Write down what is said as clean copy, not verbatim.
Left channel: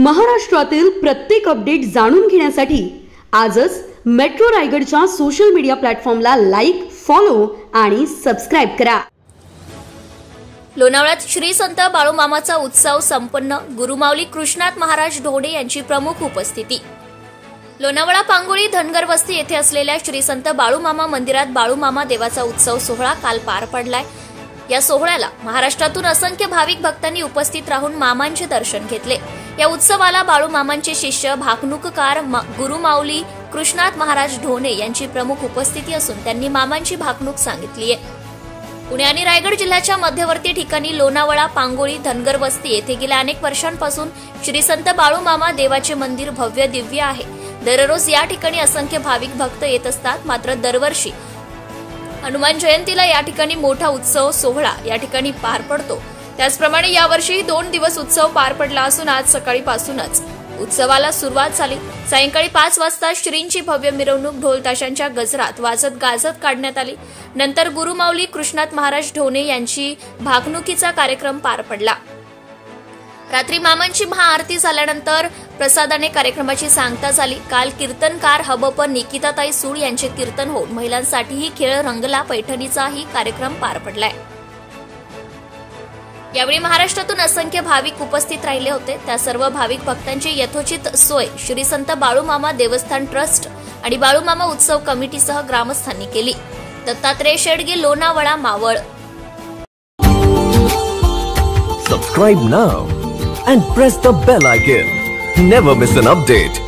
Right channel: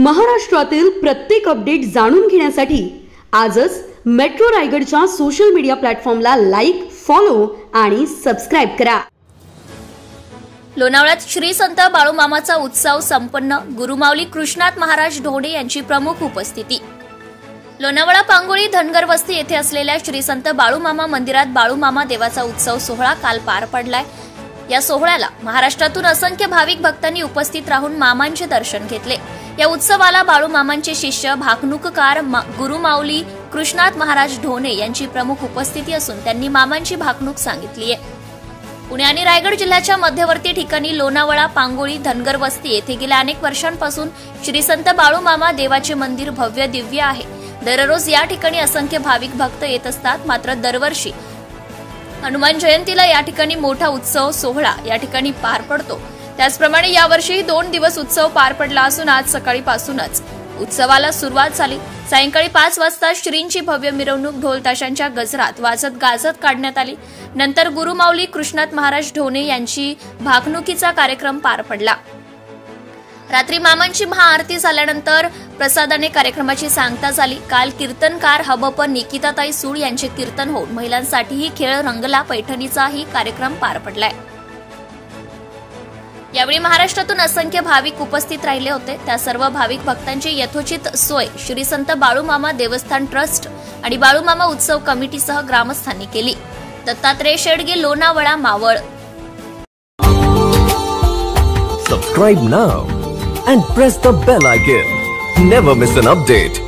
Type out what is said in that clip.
महाराष्ट्रातील प्रत्येक अपडेट जाणून घेण्यासाठी आजच मेट्रो रायगडच्या सोशल मीडिया प्लॅटफॉर्मला लाईक, फॉलो आणि सबस्क्राइब करा। लोणावळ्यात श्री संत बाळूमामाचा उत्सव संपन्न, गुरुमाऊली कृष्णात महाराज ढोणे यांची प्रमुख उपस्थिती। लोणावळा पांगोळी धनगर वस्ती येथे असलेल्या श्री संत बाळूमामा मंदिरात बाळूमामा देवाचा उत्सव सोहळा काल पार पडलाय। या सोहळ्याला महाराष्ट्रातून असंख्य भाविक भक्तांनी उपस्थित राहून मामांचे दर्शन घेतले। या उत्सवाला बाळूमामांचे शिष्य भाकणूककार गुरुमाऊली कृष्णात महाराज ढोणे यांची प्रमुख उपस्थिती असून त्यांनी मामांची भाकणूक सांगितली आहे। पुणे आणि रायगड जिल्ह्याच्या मध्यवर्ती ठिकाणी लोणावळा पांगोळी धनगर वस्ती येथे गेल्या अनेक वर्षांपासून श्री संत बाळूमामा देवाचे मंदिर भव्य दिव्य आहे। दररोज या ठिकाणी असंख्य भाविक भक्त येत असतात, मात्र दरवर्षी हनुमान जयंतीला या ठिकाणी मोठा उत्सव सोहळा या ठिकाणी पार पडतो। त्याचप्रमाणे यावर्षी 2 दिवस उत्सव पार पडला असून आज सकाळीपासूनच उत्सवाला सुरुवात झाली। सायंकाळी 5 वाजता श्रींची भव्य मिरवणूक ढोल ताशांच्या गजरात वाजत गाजत काढण्यात आली। नंतर गुरुमाऊली कृष्णात महाराज ढोणे यांची भाकणुकीचा कार्यक्रम पार पडला। रात्री मामांची महाआरती झाल्यानंतर प्रसादाने कार्यक्रमाची सांगता झाली। काल कीर्तनकार हबप निकिताताई सूळ यांचे कीर्तन होऊन महिलांसाठीही खेळ रंगला, पैठणीचाही कार्यक्रम पार पडलाय। यावेळी महाराष्ट्रातून असंख्य भाविक उपस्थित राहिले होते। त्या सर्व भाविक भक्तांची यथोचित सोय श्री संत बाळूमामा देवस्थान ट्रस्ट आणि बाळूमामा उत्सव कमिटीसह ग्रामस्थांनी केली। Dattatray Shedge, Lonavala, Maval. Subscribe now and press the bell icon. Never miss an update.